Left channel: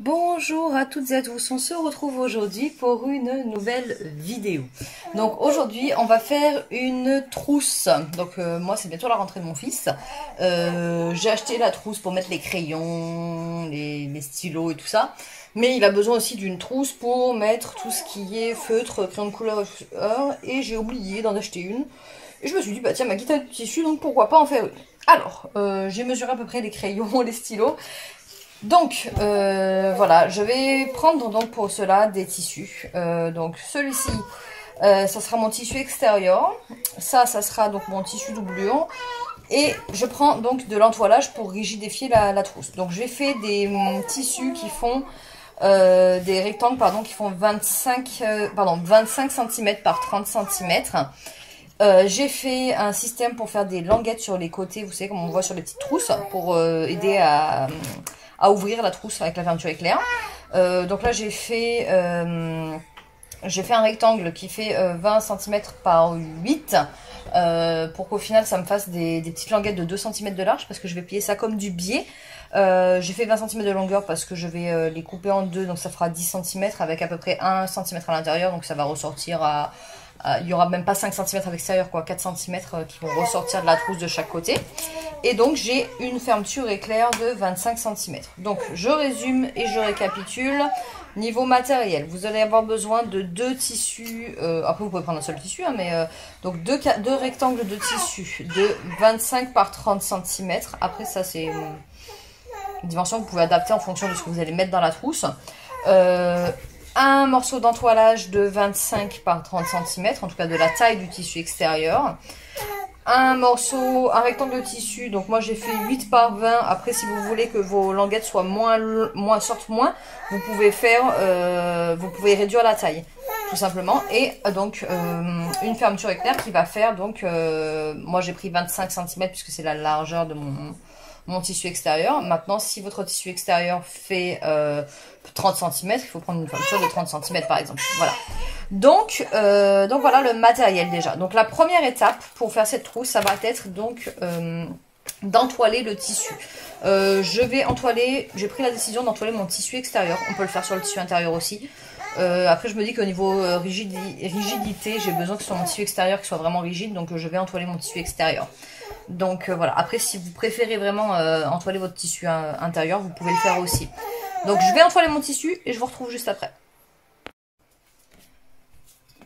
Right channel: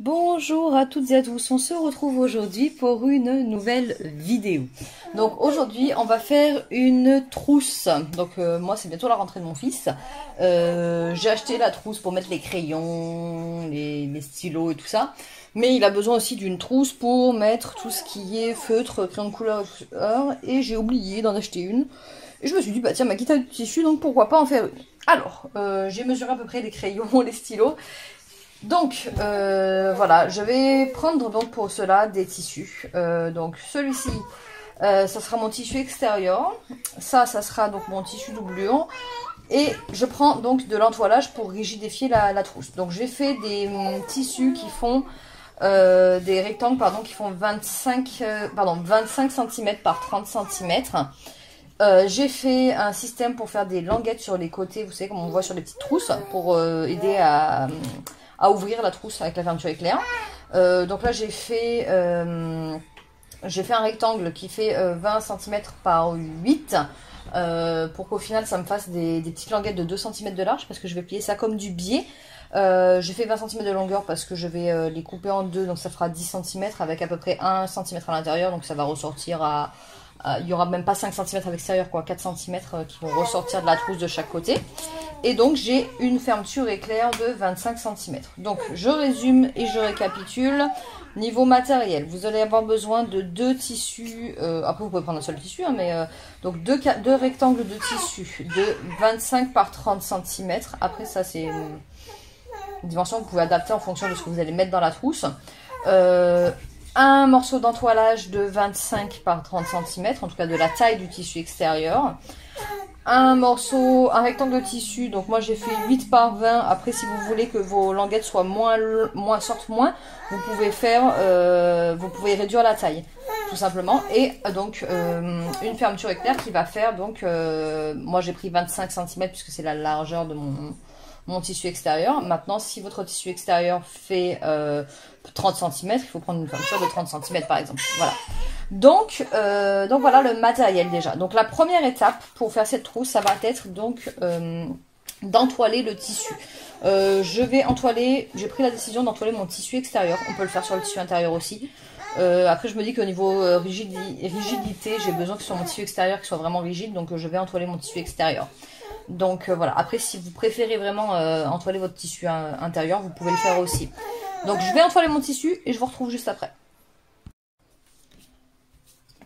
Bonjour à toutes et à tous, on se retrouve aujourd'hui pour une nouvelle vidéo. Donc aujourd'hui on va faire une trousse. Donc moi c'est bientôt la rentrée de mon fils. J'ai acheté la trousse pour mettre les crayons, les stylos et tout ça. Mais il a besoin aussi d'une trousse pour mettre tout ce qui est feutre, crayon de couleur et j'ai oublié d'en acheter une. Et je me suis dit bah tiens ma guitare de tissu donc pourquoi pas en faire une. Alors j'ai mesuré à peu près les crayons, les stylos. Donc voilà, je vais prendre donc pour cela des tissus. Donc celui-ci, ça sera mon tissu extérieur. Ça sera donc mon tissu doublure. Et je prends donc de l'entoilage pour rigidifier la trousse. Donc j'ai fait des tissus qui font des rectangles pardon, qui font 25 cm par 30 cm. J'ai fait un système pour faire des languettes sur les côtés, vous savez comme on voit sur les petites trousses, pour aider à ouvrir la trousse avec la fermeture éclair. Donc là j'ai fait un rectangle qui fait 20 cm par 8 pour qu'au final ça me fasse des petites languettes de 2 cm de large parce que je vais plier ça comme du biais. J'ai fait 20 cm de longueur parce que je vais les couper en deux, donc ça fera 10 cm avec à peu près 1 cm à l'intérieur, donc ça va ressortir à... il n'y aura même pas 5 cm à l'extérieur, quoi, 4 cm qui vont ressortir de la trousse de chaque côté. Et donc j'ai une fermeture éclair de 25 cm. Donc je résume et je récapitule. Niveau matériel, vous allez avoir besoin de deux tissus, après vous pouvez prendre un seul tissu, hein, mais donc deux rectangles de tissu de 25 par 30 cm. Après ça c'est une dimension que vous pouvez adapter en fonction de ce que vous allez mettre dans la trousse. Un morceau d'entoilage de 25 par 30 cm, en tout cas de la taille du tissu extérieur. Un rectangle de tissu, donc moi j'ai fait 8 par 20. Après si vous voulez que vos languettes soient sortent moins, vous pouvez réduire la taille, tout simplement. Et donc une fermeture éclair qui va faire, donc moi j'ai pris 25 cm puisque c'est la largeur de mon tissu extérieur. Maintenant, si votre tissu extérieur fait 30 cm, il faut prendre une fermeture de 30 cm par exemple. Voilà. Donc voilà le matériel déjà. Donc la première étape pour faire cette trousse, ça va être donc d'entoiler le tissu. J'ai pris la décision d'entoiler mon tissu extérieur. On peut le faire sur le tissu intérieur aussi. Après je me dis qu'au niveau rigidité, j'ai besoin que sur mon tissu extérieur qu'il soit vraiment rigide, donc je vais entoiler mon tissu extérieur. Donc voilà, après si vous préférez vraiment entoiler votre tissu intérieur, vous pouvez le faire aussi. Donc je vais entoiler mon tissu et je vous retrouve juste après.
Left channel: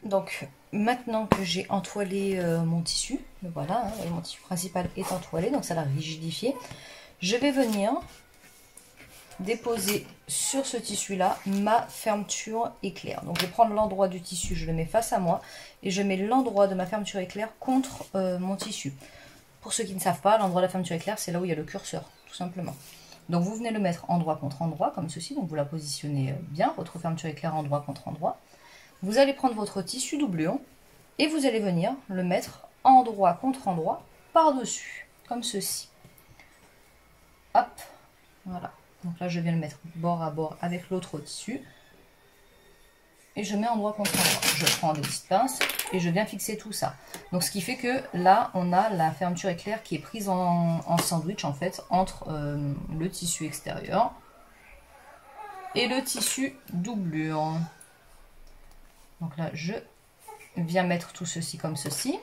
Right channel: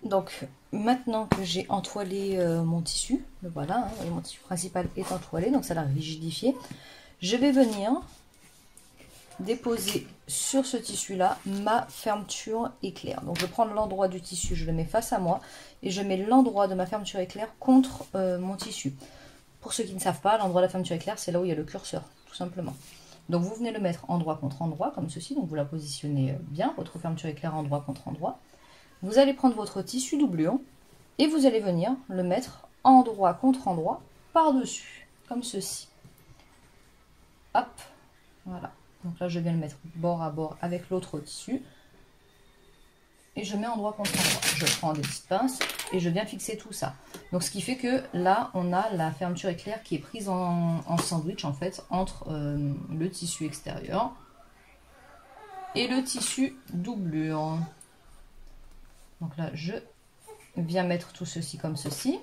Donc maintenant que j'ai entoilé mon tissu, voilà, hein, et mon tissu principal est entoilé, donc ça l'a rigidifié, je vais venir déposer sur ce tissu là ma fermeture éclair. Donc je vais prendre l'endroit du tissu, je le mets face à moi et je mets l'endroit de ma fermeture éclair contre mon tissu. Pour ceux qui ne savent pas, l'endroit de la fermeture éclair, c'est là où il y a le curseur, tout simplement. Donc vous venez le mettre endroit contre endroit, comme ceci. Donc vous la positionnez bien, votre fermeture éclair endroit contre endroit. Vous allez prendre votre tissu doublure et vous allez venir le mettre endroit contre endroit par-dessus, comme ceci. Hop, voilà. Donc là, je viens le mettre bord à bord avec l'autre tissu. Et je mets endroit contre endroit. Je prends des petites pinces et je viens fixer tout ça. Donc ce qui fait que là, on a la fermeture éclair qui est prise en sandwich en fait entre le tissu extérieur et le tissu doublure. Donc là, je viens mettre tout ceci comme ceci.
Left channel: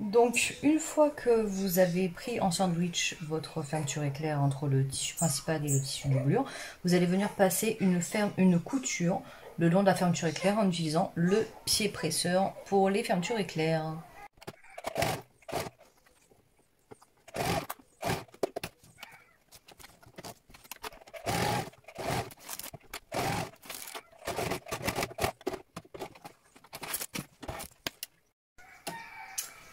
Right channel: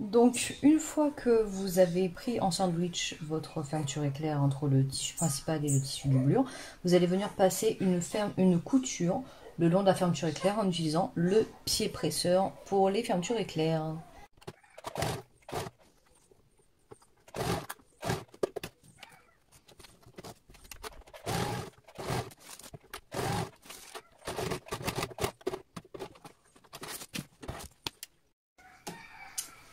Donc une fois que vous avez pris en sandwich votre fermeture éclair entre le tissu principal et le tissu doublure, vous allez venir passer une couture le long de la fermeture éclair en utilisant le pied presseur pour les fermetures éclair.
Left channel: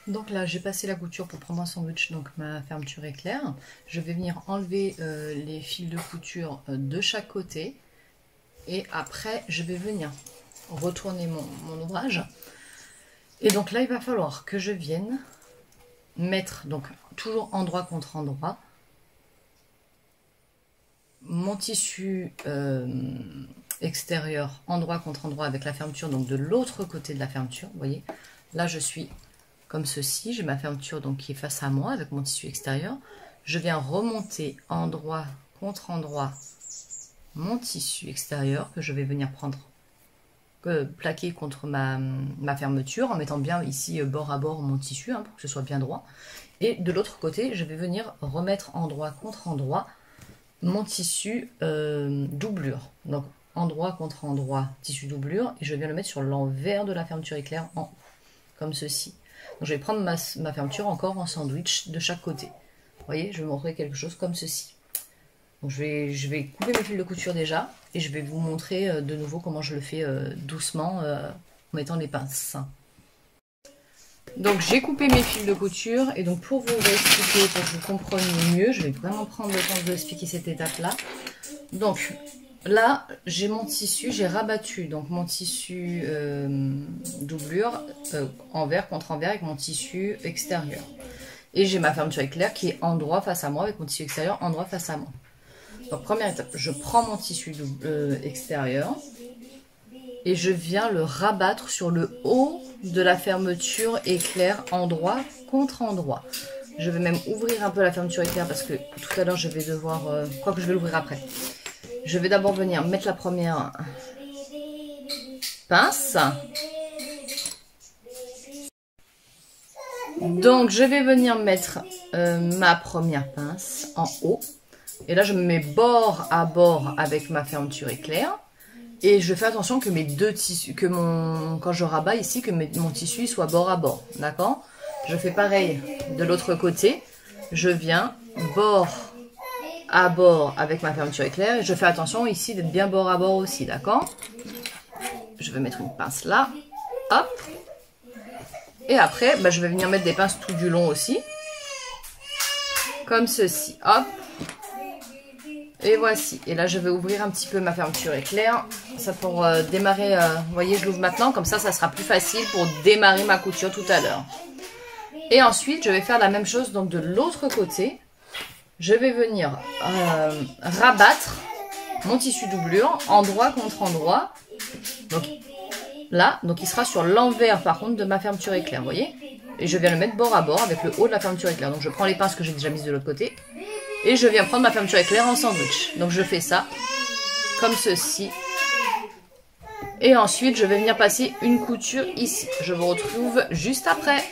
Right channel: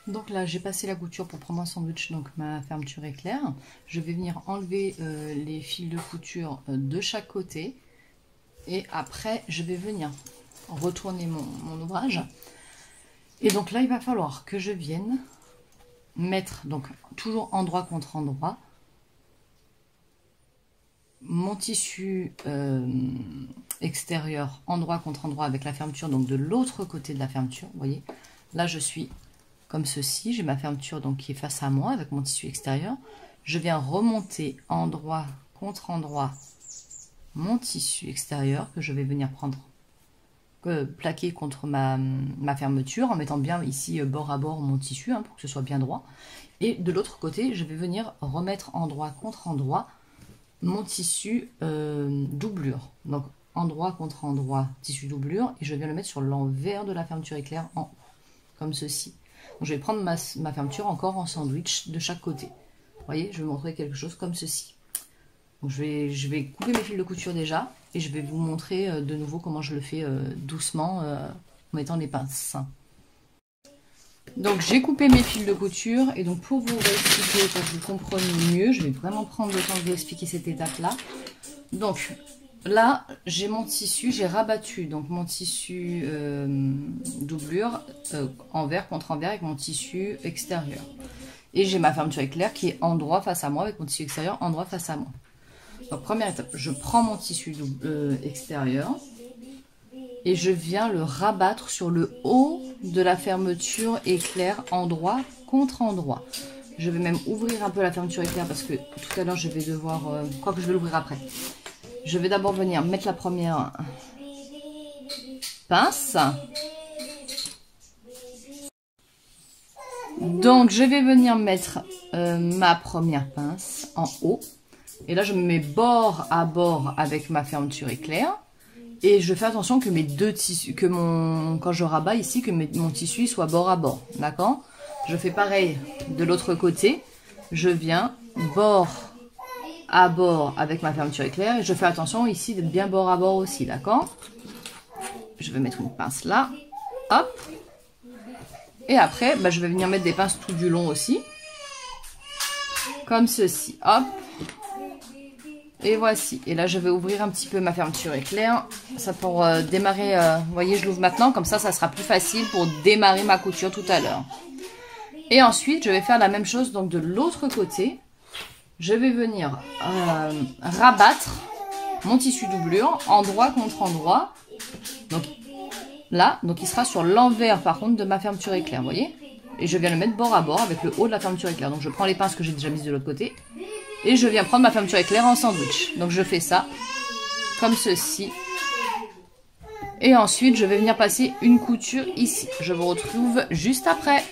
Donc là, j'ai passé la couture pour prendre un sandwich, donc ma fermeture éclair. Je vais venir enlever les fils de couture de chaque côté. Et après, je vais venir retourner mon ouvrage. Et donc là, il va falloir que je vienne mettre, donc toujours endroit contre endroit, mon tissu extérieur endroit contre endroit avec la fermeture, donc de l'autre côté de la fermeture, vous voyez. Là, je suis comme ceci, j'ai ma fermeture donc qui est face à moi avec mon tissu extérieur. Je viens remonter endroit contre endroit mon tissu extérieur que je vais venir prendre, plaquer contre ma fermeture en mettant bien ici bord à bord mon tissu pour que ce soit bien droit. Et de l'autre côté, je vais venir remettre endroit contre endroit mon tissu doublure. Donc endroit contre endroit, tissu doublure, et je viens le mettre sur l'envers de la fermeture éclair en haut, comme ceci. Donc, je vais prendre ma fermeture encore en sandwich de chaque côté. Vous voyez, je vais montrer quelque chose comme ceci. Donc, je vais couper mes fils de couture déjà, et je vais vous montrer de nouveau comment je le fais doucement en mettant les pinces. Donc j'ai coupé mes fils de couture, et donc pour vous expliquer, pour que vous compreniez mieux, je vais vraiment prendre le temps de vous expliquer cette étape-là. Donc là, j'ai mon tissu, j'ai rabattu donc mon tissu doublure envers contre envers avec mon tissu extérieur. Et j'ai ma fermeture éclair qui est endroit face à moi avec mon tissu extérieur endroit face à moi. Donc première étape, je prends mon tissu extérieur et je viens le rabattre sur le haut de la fermeture éclair endroit contre endroit. Je vais même ouvrir un peu la fermeture éclair parce que tout à l'heure je vais devoir, quoique je vais l'ouvrir après. Je vais d'abord venir mettre la première pince. Donc je vais venir mettre ma première pince en haut. Et là je me mets bord à bord avec ma fermeture éclair. Et je fais attention que mes deux tissus, quand je rabats ici, que mon tissu soit bord à bord. D'accord? Je fais pareil de l'autre côté. Je viens bord à bord avec ma fermeture éclair. Et je fais attention ici d'être bien bord à bord aussi. D'accord? Je vais mettre une pince là. Hop. Et après, je vais venir mettre des pinces tout du long aussi. Comme ceci. Hop. Et voici. Et là, je vais ouvrir un petit peu ma fermeture éclair. Ça pour démarrer. Vous voyez, je l'ouvre maintenant. Comme ça sera plus facile pour démarrer ma couture tout à l'heure. Et ensuite, je vais faire la même chose. Donc, de l'autre côté, je vais venir rabattre mon tissu doublure endroit contre endroit. Donc, là, il sera sur l'envers, par contre, de ma fermeture éclair. Vous voyez? Et je viens le mettre bord à bord avec le haut de la fermeture éclair. Donc, je prends les pinces que j'ai déjà mises de l'autre côté. Et je viens prendre ma fermeture éclair en sandwich. Donc je fais ça comme ceci. Et ensuite je vais venir passer une couture ici. Je vous retrouve juste après.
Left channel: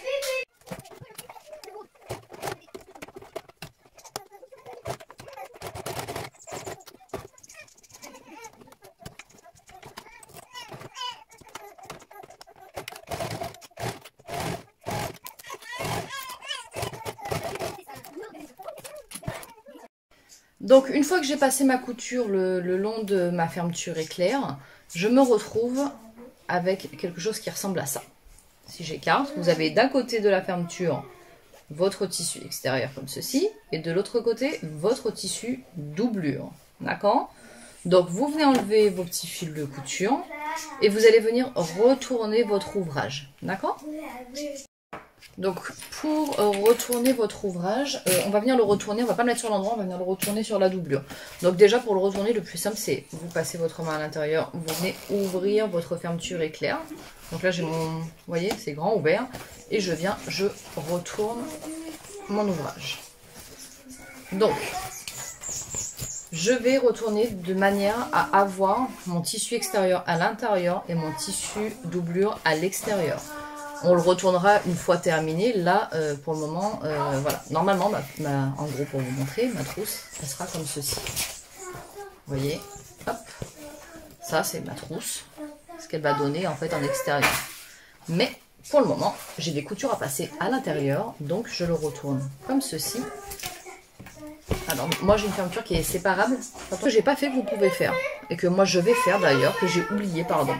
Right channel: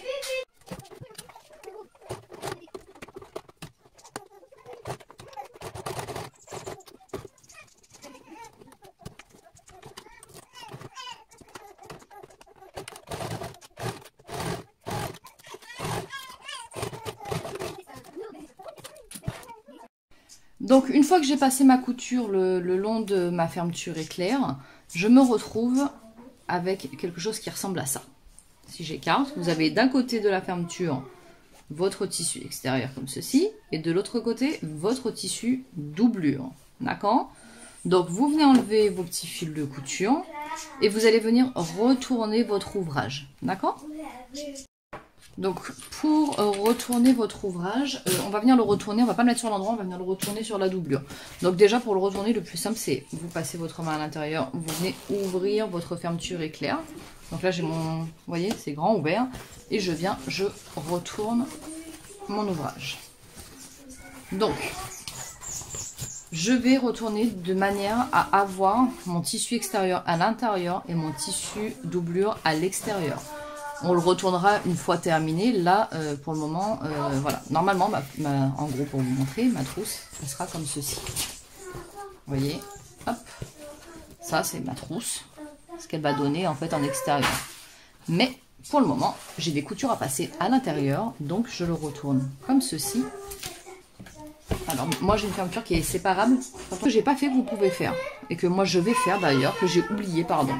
Donc une fois que j'ai passé ma couture le long de ma fermeture éclair, je me retrouve avec quelque chose qui ressemble à ça. Si j'écarte, vous avez d'un côté de la fermeture votre tissu extérieur comme ceci, et de l'autre côté votre tissu doublure. D'accord? Donc vous venez enlever vos petits fils de couture et vous allez venir retourner votre ouvrage. D'accord? Donc pour retourner votre ouvrage, on va venir le retourner, on va pas le mettre sur l'endroit, on va venir le retourner sur la doublure. Donc déjà pour le retourner, le plus simple c'est vous passez votre main à l'intérieur, vous venez ouvrir votre fermeture éclair. Donc là j'ai mon, vous voyez c'est grand ouvert, et je retourne mon ouvrage. Donc je vais retourner de manière à avoir mon tissu extérieur à l'intérieur et mon tissu doublure à l'extérieur. On le retournera une fois terminé. Là, pour le moment, voilà. Normalement, en gros, pour vous montrer, ma trousse, ça sera comme ceci. Vous voyez? Hop. Ça, c'est ma trousse. Ce qu'elle va donner, en fait, en extérieur. Mais, pour le moment, j'ai des coutures à passer à l'intérieur. Donc, je le retourne comme ceci. Alors, moi, j'ai une fermeture qui est séparable. Que j'ai pas fait, que vous pouvez faire. Et que moi, je vais faire, d'ailleurs, que j'ai oublié, pardon.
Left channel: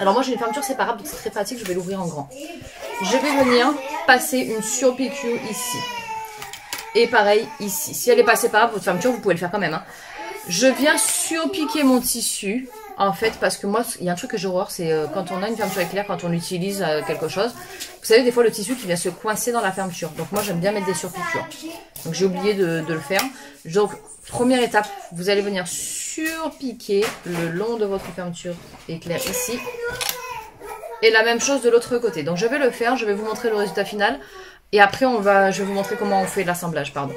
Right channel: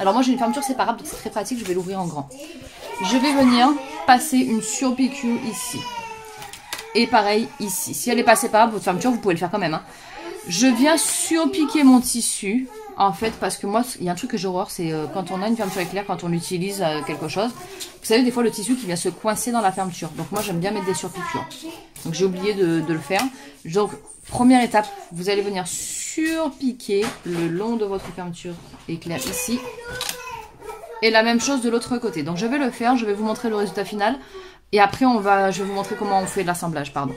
Alors moi j'ai une fermeture séparable, donc c'est très pratique, je vais l'ouvrir en grand. Je vais venir passer une surpiqûre ici. Et pareil ici. Si elle n'est pas séparable, votre fermeture, vous pouvez le faire quand même. Hein. Je viens surpiquer mon tissu, en fait, parce que moi, il y a un truc que j'ai horreur, c'est quand on a une fermeture éclair, quand on utilise quelque chose. Vous savez, des fois le tissu qui vient se coincer dans la fermeture. Donc moi j'aime bien mettre des surpiqûres. Donc j'ai oublié de le faire. Donc première étape, vous allez venir surpiquer le long de votre fermeture éclair ici. Et la même chose de l'autre côté. Donc je vais le faire, je vais vous montrer le résultat final. Et après, je vais vous montrer comment on fait l'assemblage, pardon.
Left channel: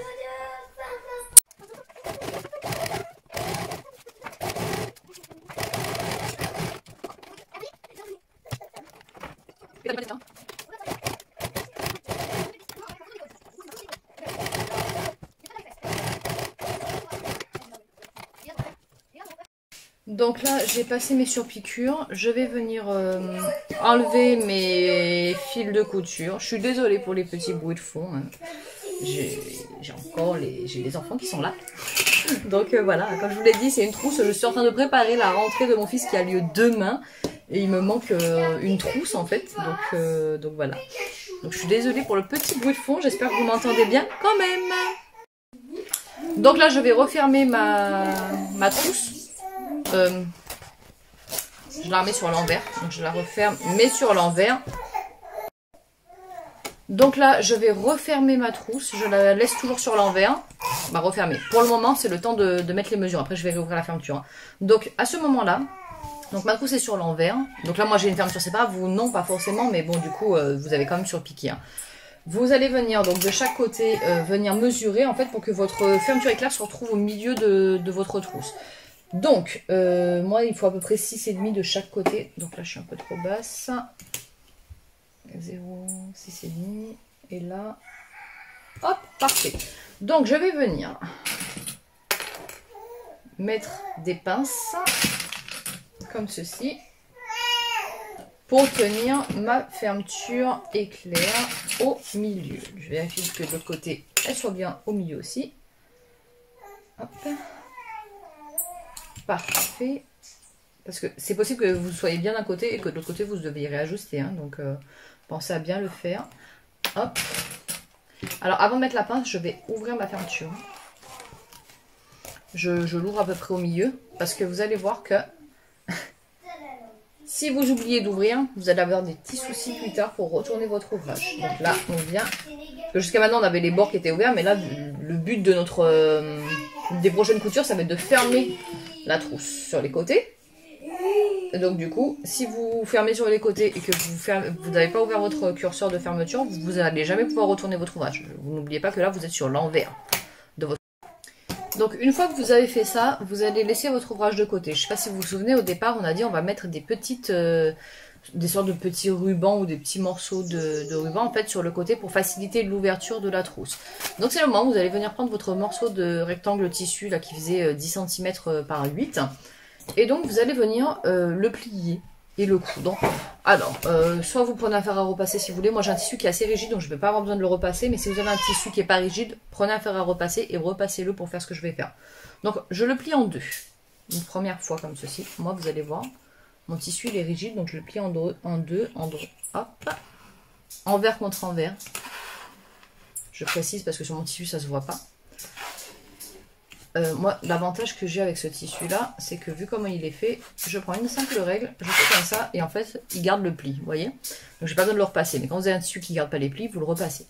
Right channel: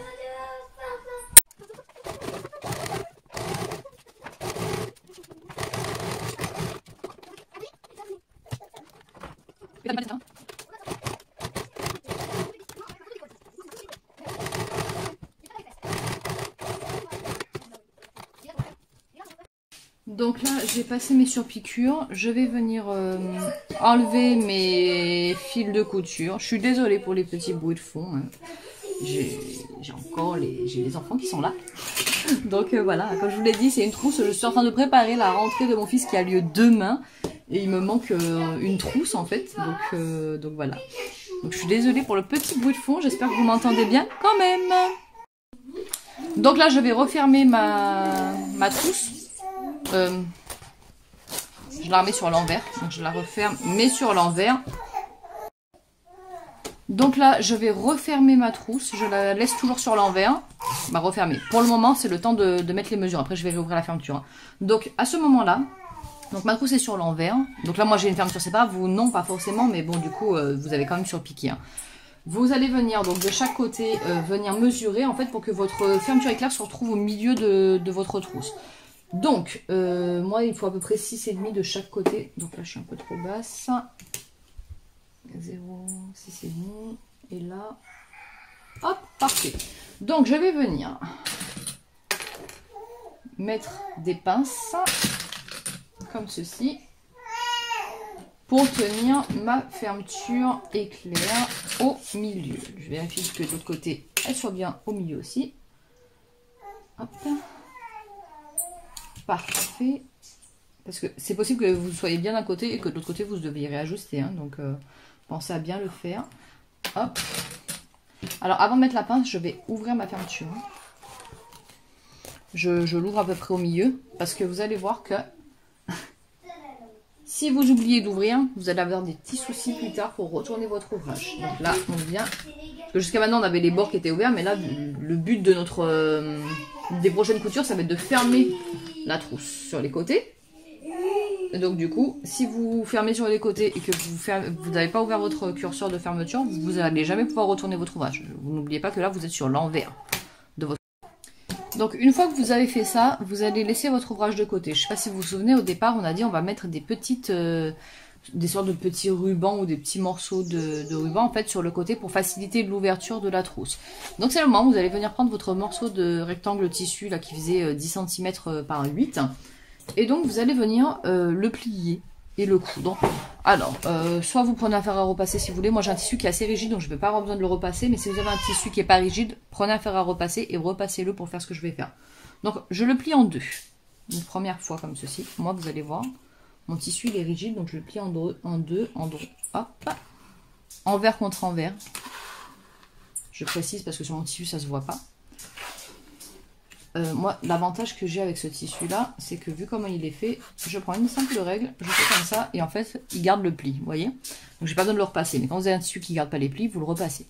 Donc là, j'ai passé mes surpiqûres. Je vais venir enlever mes fils de couture. Je suis désolée pour les petits bruits de fond. Hein. J'ai les enfants qui sont là. Donc voilà, comme je vous l'ai dit, c'est une trousse. Je suis en train de préparer la rentrée de mon fils qui a lieu demain. Et il me manque une trousse en fait. Donc voilà. Donc je suis désolée pour le petit bruit de fond. J'espère que vous m'entendez bien quand même. Donc là, je vais refermer ma trousse. Je la remets sur l'envers, donc je la referme, mais sur l'envers. Donc là, je vais refermer ma trousse, je la laisse toujours sur l'envers, refermer. Pour le moment, c'est le temps de mettre les mesures, après je vais réouvrir la fermeture. Donc à ce moment-là, donc ma trousse est sur l'envers. Donc là, moi j'ai une fermeture, c'est pas vous, non, pas forcément, mais bon, du coup, vous avez quand même surpiqué. Hein. Vous allez venir donc de chaque côté, venir mesurer en fait pour que votre fermeture éclair se retrouve au milieu de votre trousse. Donc, moi, il faut à peu près 6,5 de chaque côté. Donc là, je suis un peu trop basse. 0, 6,5. Et là, hop, parfait. Donc, je vais venir mettre des pinces, comme ceci, pour tenir ma fermeture éclair au milieu. Je vérifie que de l'autre côté, elle soit bien au milieu aussi. Hop. Parfait. Parce que c'est possible que vous soyez bien d'un côté et que de l'autre côté vous deviez réajuster. Hein, donc pensez à bien le faire. Hop. Alors avant de mettre la pince, je vais ouvrir ma fermeture. Je l'ouvre à peu près au milieu. Parce que vous allez voir que si vous oubliez d'ouvrir, vous allez avoir des petits soucis plus tard pour retourner votre ouvrage. Donc là, on vient. Jusqu'à maintenant, on avait les bords qui étaient ouverts. Mais là, le but de des prochaines coutures, ça va être de fermer la trousse sur les côtés. Et donc du coup, si vous fermez sur les côtés et que vous n'avez pas ouvert votre curseur de fermeture, vous n'allez jamais pouvoir retourner votre ouvrage. Vous n'oubliez pas que là, vous êtes sur l'envers de votre. Donc une fois que vous avez fait ça, vous allez laisser votre ouvrage de côté. Je ne sais pas si vous vous souvenez, au départ, on a dit on va mettre des petites, des sortes de petits rubans ou des petits morceaux de ruban en fait sur le côté pour faciliter l'ouverture de la trousse. Donc c'est le moment où vous allez venir prendre votre morceau de rectangle tissu là qui faisait 10 cm par 8 et donc vous allez venir le plier et le coudre. Alors soit vous prenez un fer à repasser si vous voulez. Moi j'ai un tissu qui est assez rigide donc je ne vais pas avoir besoin de le repasser, mais si vous avez un tissu qui n'est pas rigide, prenez un fer à repasser et repassez-le pour faire ce que je vais faire. Donc je le plie en deux, une première fois comme ceci. Moi vous allez voir. Mon tissu il est rigide, donc je le plie en deux, hop, envers contre envers. Je précise parce que sur mon tissu ça se voit pas. Moi, l'avantage que j'ai avec ce tissu-là, c'est que vu comment il est fait, je prends une simple règle, je fais comme ça, et en fait, il garde le pli, vous voyez. Donc j'ai pas besoin de le repasser, mais quand vous avez un tissu qui ne garde pas les plis, vous le repassez.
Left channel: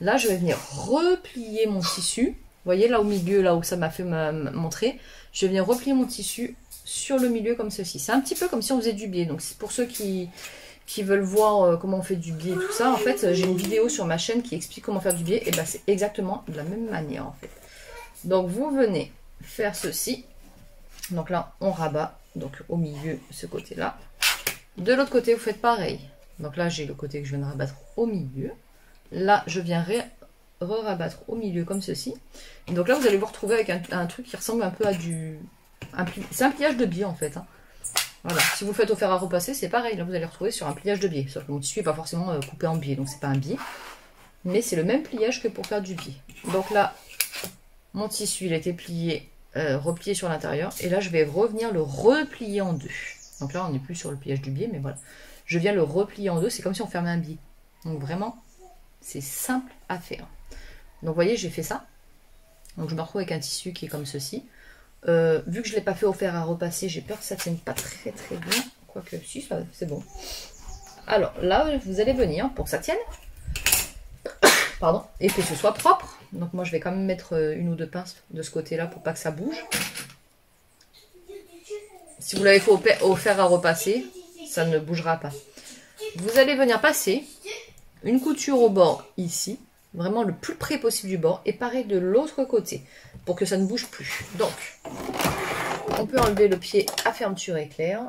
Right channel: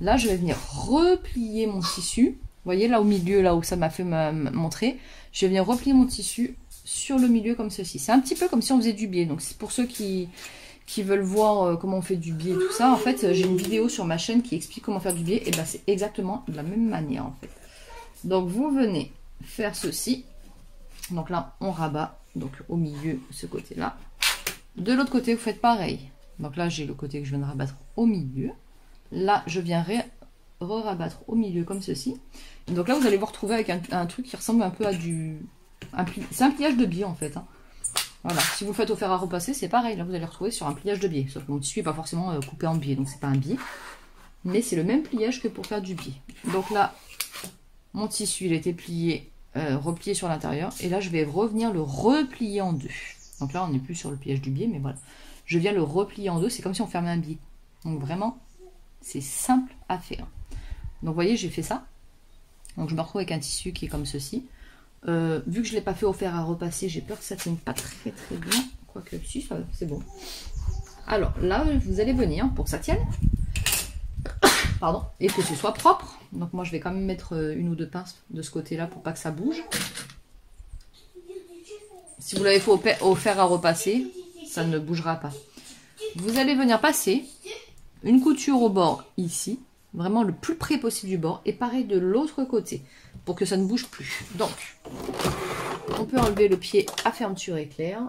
Là, je vais venir replier mon tissu, vous voyez là au milieu, là où ça m'a fait montrer, je vais venir replier mon tissu sur le milieu comme ceci. C'est un petit peu comme si on faisait du biais. Donc c'est pour ceux qui veulent voir comment on fait du biais et tout ça. En fait, j'ai une vidéo sur ma chaîne qui explique comment faire du biais. Et ben c'est exactement de la même manière en fait. Donc vous venez faire ceci. Donc là, on rabat. Donc au milieu, ce côté-là. De l'autre côté, vous faites pareil. Donc là, j'ai le côté que je viens de rabattre au milieu. Là, je viens re-rabattre au milieu comme ceci. Et donc là, vous allez vous retrouver avec un truc qui ressemble un peu à du... C'est un pliage de biais en fait. Hein. Voilà. Si vous faites au fer à repasser, c'est pareil. Là, vous allez retrouver sur un pliage de biais. Sauf que mon tissu n'est pas forcément coupé en biais. Donc, c'est pas un biais. Mais c'est le même pliage que pour faire du biais. Donc là, mon tissu, il a été plié, replié sur l'intérieur. Et là, je vais revenir le replier en deux. Donc là, on n'est plus sur le pliage du biais. Mais voilà. Je viens le replier en deux. C'est comme si on fermait un biais. Donc vraiment, c'est simple à faire. Donc, vous voyez, j'ai fait ça. Donc, je me retrouve avec un tissu qui est comme ceci. Vu que je ne l'ai pas fait au fer à repasser, j'ai peur que ça ne tienne pas très très bien. Quoique, si, c'est bon. Alors là, vous allez venir pour que ça tienne. Pardon. Et que ce soit propre. Donc moi je vais quand même mettre une ou deux pinces de ce côté-là pour pas que ça bouge. Si vous l'avez fait au fer à repasser, ça ne bougera pas. Vous allez venir passer une couture au bord ici, vraiment le plus près possible du bord, et pareil de l'autre côté, pour que ça ne bouge plus. Donc, on peut enlever le pied à fermeture éclair.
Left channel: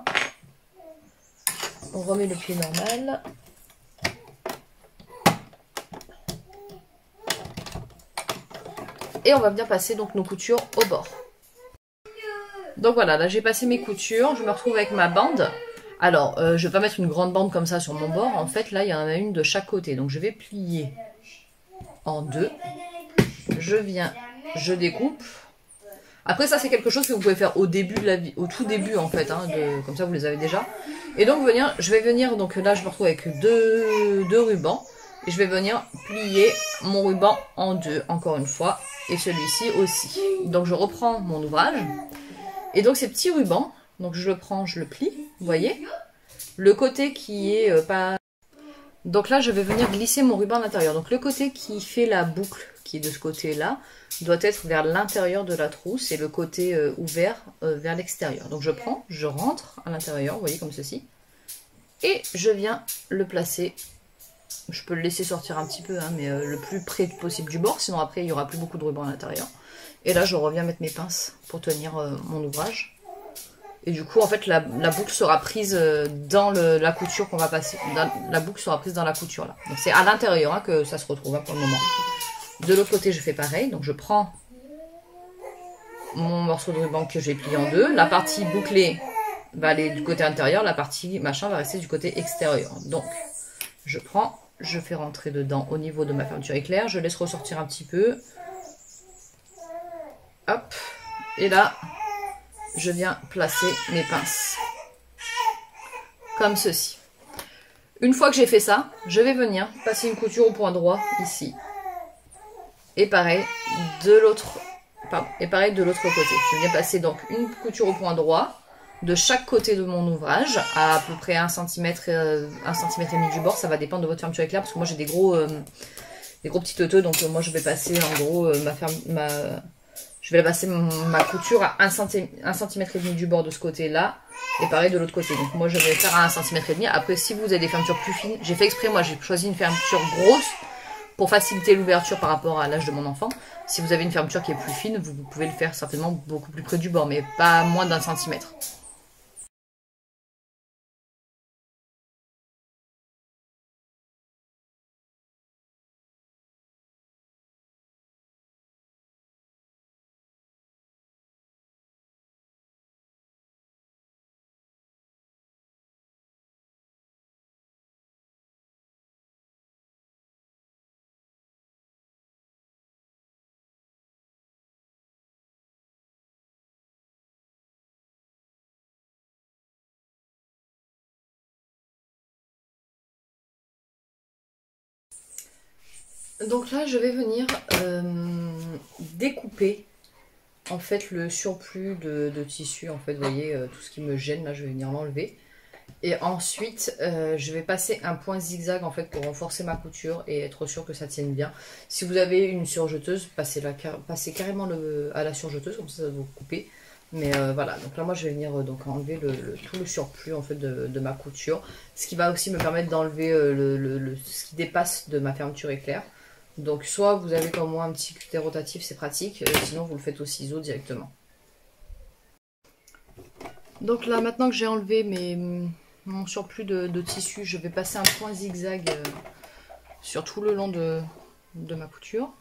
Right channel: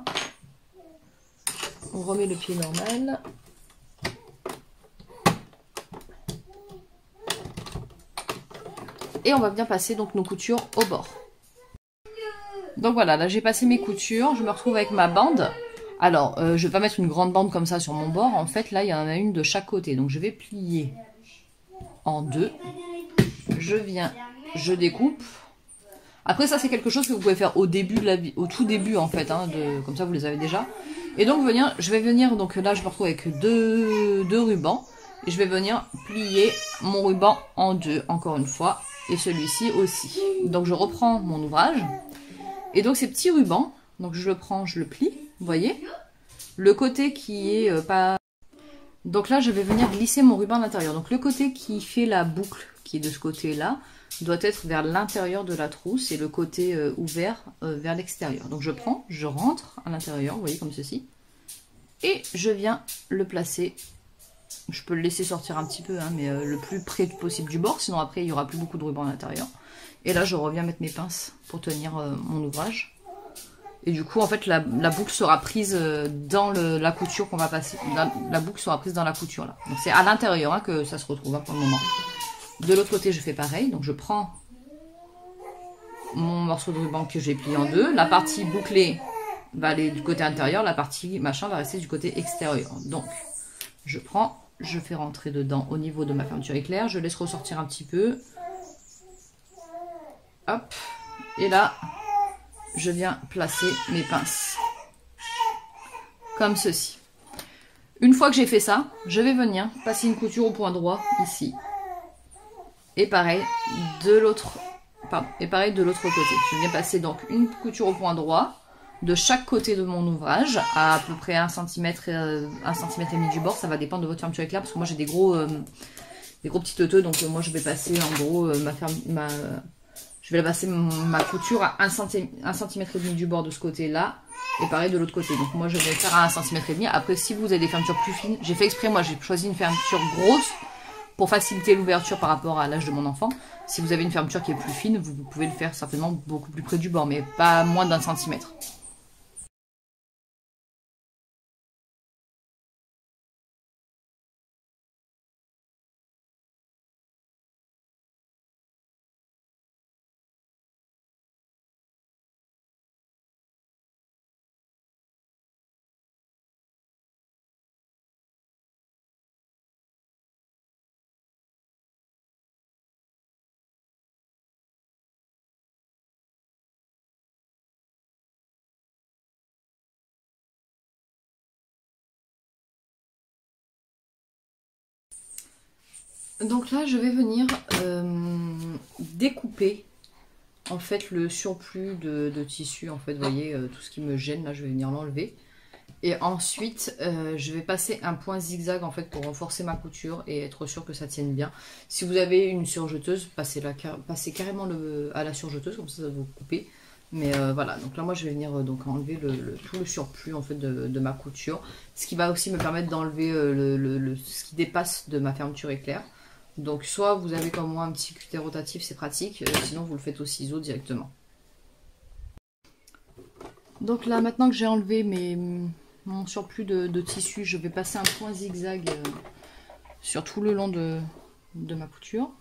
On remet le pied normal. Et on va bien passer donc nos coutures au bord. Donc voilà, là j'ai passé mes coutures, je me retrouve avec ma bande. Alors, je ne vais pas mettre une grande bande comme ça sur mon bord. En fait, là, il y en a une de chaque côté. Donc, je vais plier en deux. Je viens, je découpe. Après, ça, c'est quelque chose que vous pouvez faire au début de la vie, au tout début, en fait. Hein, comme ça, vous les avez déjà. Et donc, je vais venir, donc là, je me retrouve avec deux rubans. Et je vais venir plier mon ruban en deux, encore une fois. Et celui-ci aussi. Donc, je reprends mon ouvrage. Et donc, ces petits rubans, donc je le prends, je le plie. Vous voyez, le côté qui est pas... Donc là, je vais venir glisser mon ruban à l'intérieur. Donc le côté qui fait la boucle, qui est de ce côté-là, doit être vers l'intérieur de la trousse et le côté ouvert vers l'extérieur. Donc je prends, je rentre à l'intérieur, vous voyez, comme ceci. Et je viens le placer. Je peux le laisser sortir un petit peu, hein, mais le plus près possible du bord. Sinon après, il n'y aura plus beaucoup de ruban à l'intérieur. Et là, je reviens mettre mes pinces pour tenir mon ouvrage. Et du coup, en fait, la boucle sera prise dans la couture qu'on va passer. La boucle sera prise dans la couture, là. Donc, c'est à l'intérieur hein, que ça se retrouve hein, pour le moment. De l'autre côté, je fais pareil. Donc, je prends mon morceau de ruban que j'ai plié en deux. La partie bouclée va aller du côté intérieur. La partie machin va rester du côté extérieur. Donc, je prends, je fais rentrer dedans au niveau de ma fermeture éclair. Je laisse ressortir un petit peu. Hop. Et là... je viens placer mes pinces comme ceci. Une fois que j'ai fait ça, je vais venir passer une couture au point droit ici. Et pareil de l'autre côté. Je viens passer donc une couture au point droit de chaque côté de mon ouvrage à peu près 1 cm, 1 cm et demi du bord. Ça va dépendre de votre fermeture éclair parce que moi j'ai des gros petits teuteux, donc moi je vais passer en gros je vais passer ma couture à 1 cm et demi du bord de ce côté-là. Et pareil de l'autre côté. Donc moi je vais faire à 1 cm et demi. Après si vous avez des fermetures plus fines, j'ai fait exprès, moi j'ai choisi une fermeture grosse pour faciliter l'ouverture par rapport à l'âge de mon enfant. Si vous avez une fermeture qui est plus fine, vous pouvez le faire certainement beaucoup plus près du bord, mais pas moins d'1 centimètre. Donc là, je vais venir découper en fait le surplus de tissu. En fait, vous voyez, tout ce qui me gêne, là, je vais venir l'enlever. Et ensuite, je vais passer un point zigzag en fait pour renforcer ma couture et être sûr que ça tienne bien. Si vous avez une surjeteuse, passez carrément à la surjeteuse, comme ça va vous couper. Mais voilà, donc là moi je vais venir donc enlever tout le surplus en fait de ma couture. Ce qui va aussi me permettre d'enlever ce qui dépasse de ma fermeture éclair. Donc soit vous avez comme moi un petit cutter rotatif, c'est pratique, sinon vous le faites au ciseau directement. Donc là maintenant que j'ai enlevé mon surplus de tissu, je vais passer un point zigzag sur tout le long de ma couture.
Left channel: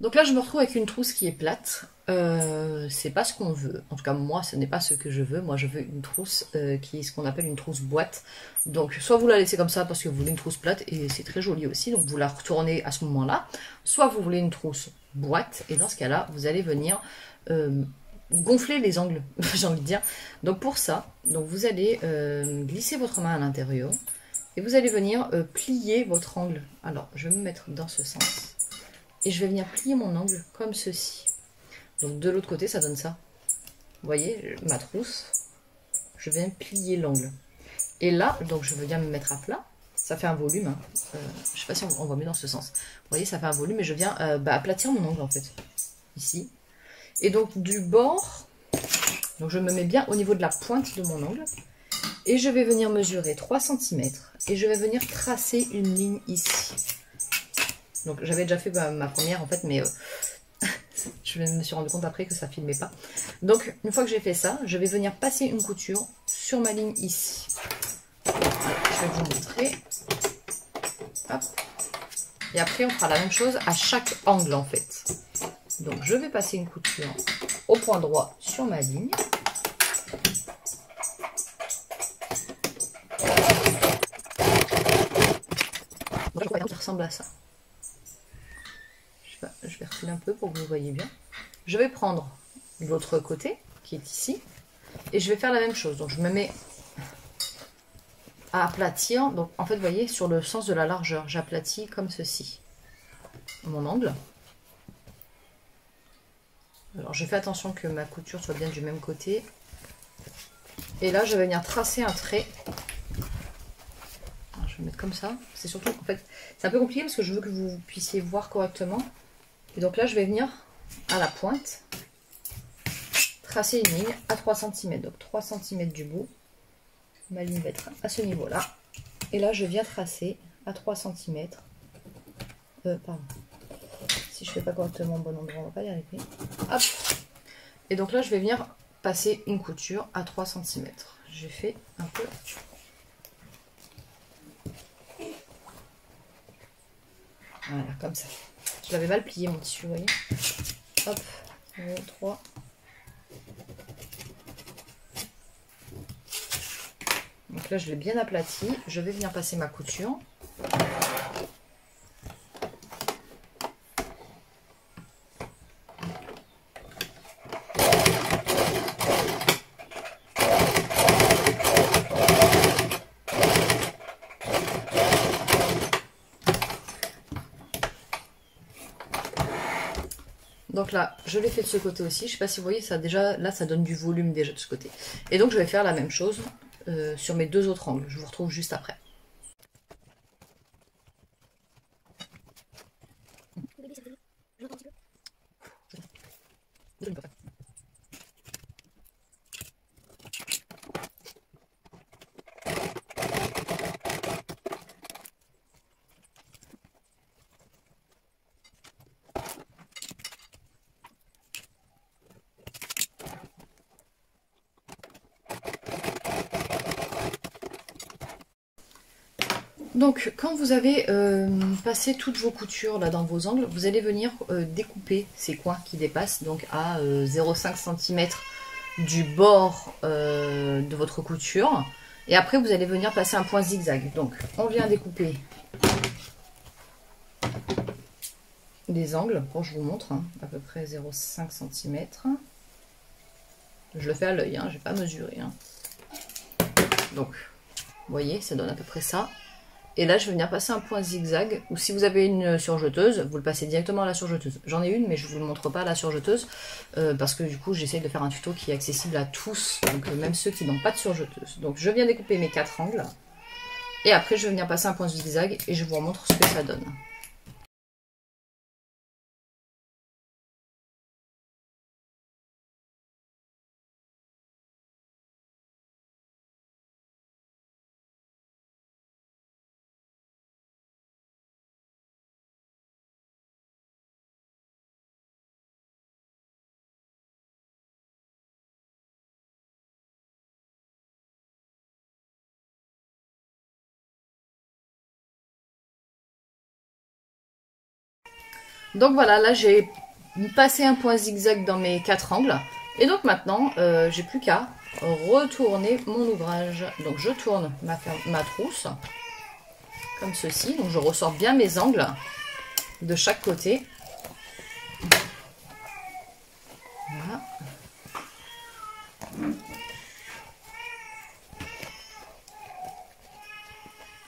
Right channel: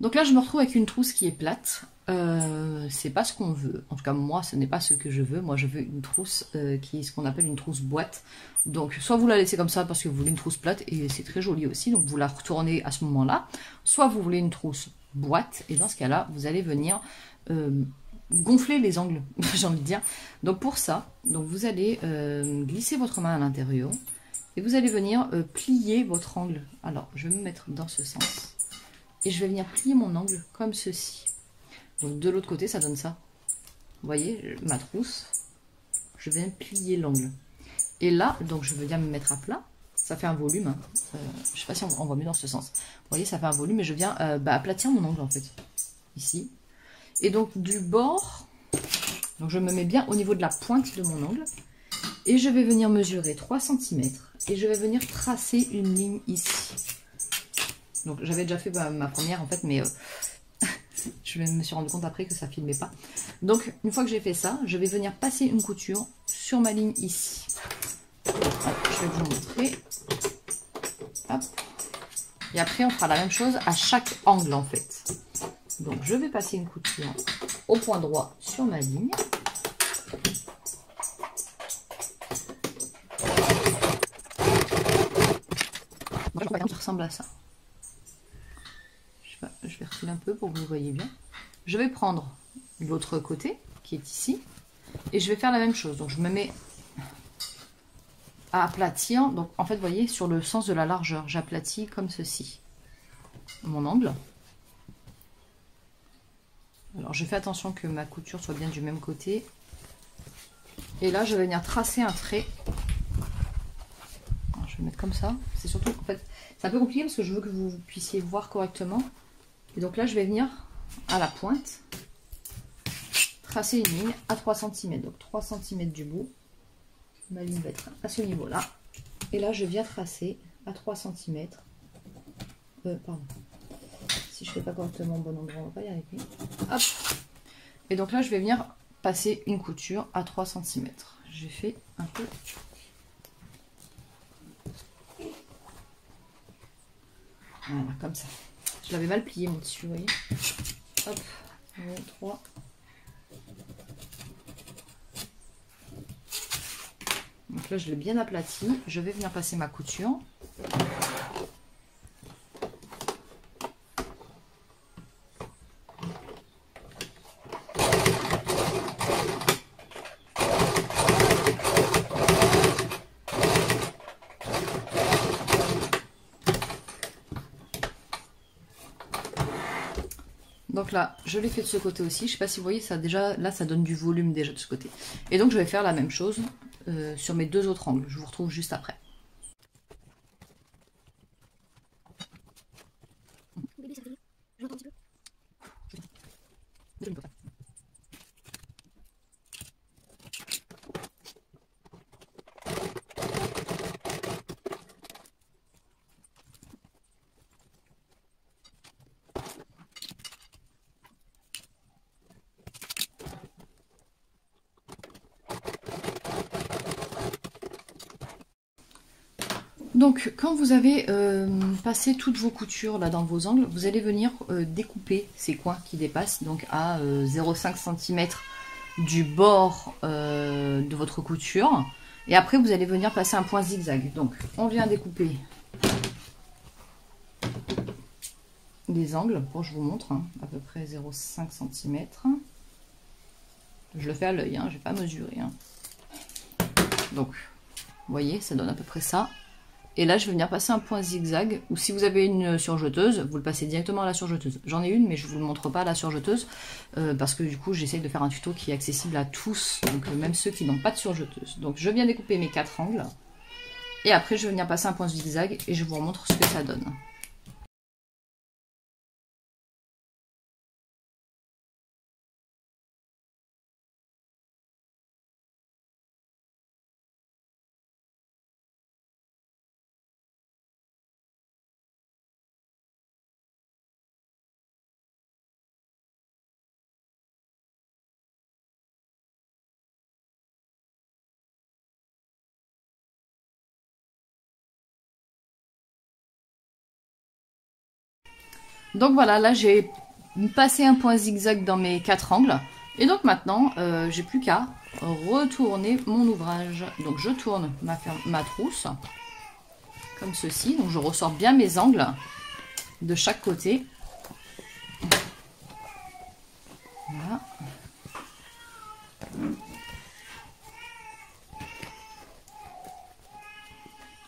Donc là, je me retrouve avec une trousse qui est plate. c'est pas ce qu'on veut. En tout cas, moi, ce n'est pas ce que je veux. Moi, je veux une trousse qui est ce qu'on appelle une trousse boîte. Donc, soit vous la laissez comme ça parce que vous voulez une trousse plate, et c'est très joli aussi, donc vous la retournez à ce moment-là. Soit vous voulez une trousse boîte, et dans ce cas-là, vous allez venir gonfler les angles, j'ai envie de dire. Donc, pour ça, donc vous allez glisser votre main à l'intérieur, et vous allez venir plier votre angle. Alors, je vais me mettre dans ce sens, et je vais venir plier mon angle comme ceci. Donc de l'autre côté, ça donne ça. Vous voyez, ma trousse, je viens plier l'angle. Et là, donc je veux bien me mettre à plat. Ça fait un volume. Hein. Je ne sais pas si on voit mieux dans ce sens. Vous voyez, ça fait un volume et je viens aplatir mon angle en fait. Ici. Et donc du bord, donc je me mets bien au niveau de la pointe de mon angle. Et je vais venir mesurer 3 cm. Et je vais venir tracer une ligne ici. Donc j'avais déjà fait ma première en fait, mais... je me suis rendu compte après que ça ne filmait pas. Donc, une fois que j'ai fait ça, je vais venir passer une couture sur ma ligne ici. Je vais vous montrer. Hop. Et après, on fera la même chose à chaque angle, en fait. Donc, je vais passer une couture au point droit sur ma ligne. Qui ressemble à ça. Je vais refiler un peu pour que vous voyez bien. Je vais prendre l'autre côté qui est ici et je vais faire la même chose. Donc je me mets à aplatir. Donc en fait, vous voyez, sur le sens de la largeur, j'aplatis comme ceci mon angle. Alors je fais attention que ma couture soit bien du même côté. Et là, je vais venir tracer un trait. Alors, je vais mettre comme ça. C'est surtout, en fait, c'est un peu compliqué parce que je veux que vous puissiez voir correctement. Et donc là, je vais venir à la pointe, tracer une ligne à 3 cm. Donc 3 cm du bout. Ma ligne va être à ce niveau-là. Et là, je viens tracer à 3 cm. Pardon. Si je ne fais pas correctement au bon endroit, on va pas y arriver. Hop. Et donc là, je vais venir passer une couture à 3 cm. J'ai fait un peu... Voilà, comme ça. Je l'avais mal plié mon tissu, vous voyez. Hop, 1, 3. Donc là, je l'ai bien aplati. Je vais venir passer ma couture. Donc là, je l'ai fait de ce côté aussi. Je ne sais pas si vous voyez, ça déjà, là, ça donne du volume déjà de ce côté. Et donc, je vais faire la même chose sur mes deux autres angles. Je vous retrouve juste après. Donc, quand vous avez passé toutes vos coutures là dans vos angles, vous allez venir découper ces coins qui dépassent, donc à 0,5 cm du bord de votre couture. Et après, vous allez venir passer un point zigzag. Donc, on vient découper les angles. Bon, je vous montre, hein, à peu près 0,5 cm. Je le fais à l'œil, hein, je n'ai pas mesuré. Hein. Donc, vous voyez, ça donne à peu près ça. Et là, je vais venir passer un point zigzag, ou si vous avez une surjeteuse, vous le passez directement à la surjeteuse. J'en ai une, mais je ne vous le montre pas à la surjeteuse, parce que du coup, j'essaie de faire un tuto qui est accessible à tous, donc même ceux qui n'ont pas de surjeteuse. Donc, je viens découper mes 4 angles, et après, je vais venir passer un point zigzag, et je vous remontre ce que ça donne. Donc voilà, là j'ai passer un point zigzag dans mes 4 angles. Et donc maintenant, j'ai plus qu'à retourner mon ouvrage. Donc je tourne ma trousse comme ceci. Donc je ressors bien mes angles de chaque côté. Voilà.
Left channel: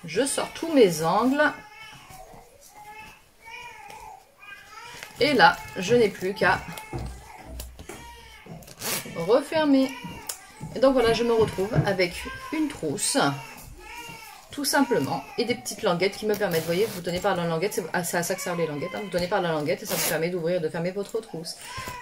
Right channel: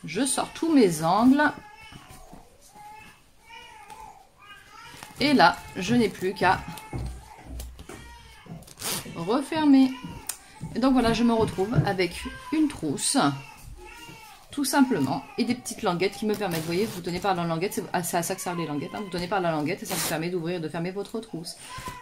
Je sors tous mes angles. Et là, je n'ai plus qu'à refermer. Et donc voilà, je me retrouve avec une trousse, tout simplement, et des petites languettes qui me permettent, vous voyez, vous tenez par la languette, c'est à ça que servent les languettes, hein, vous tenez par la languette et ça vous permet d'ouvrir, de fermer votre trousse.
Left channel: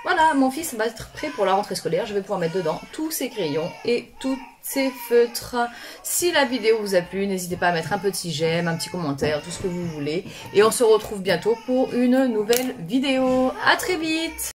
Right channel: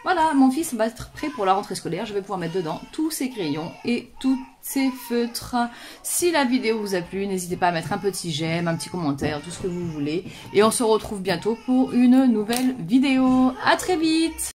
Voilà, mon fils va être prêt pour la rentrée scolaire, je vais pouvoir mettre dedans tous ses crayons et tous ses feutres. Si la vidéo vous a plu, n'hésitez pas à mettre un petit j'aime, un petit commentaire, tout ce que vous voulez. Et on se retrouve bientôt pour une nouvelle vidéo. À très vite!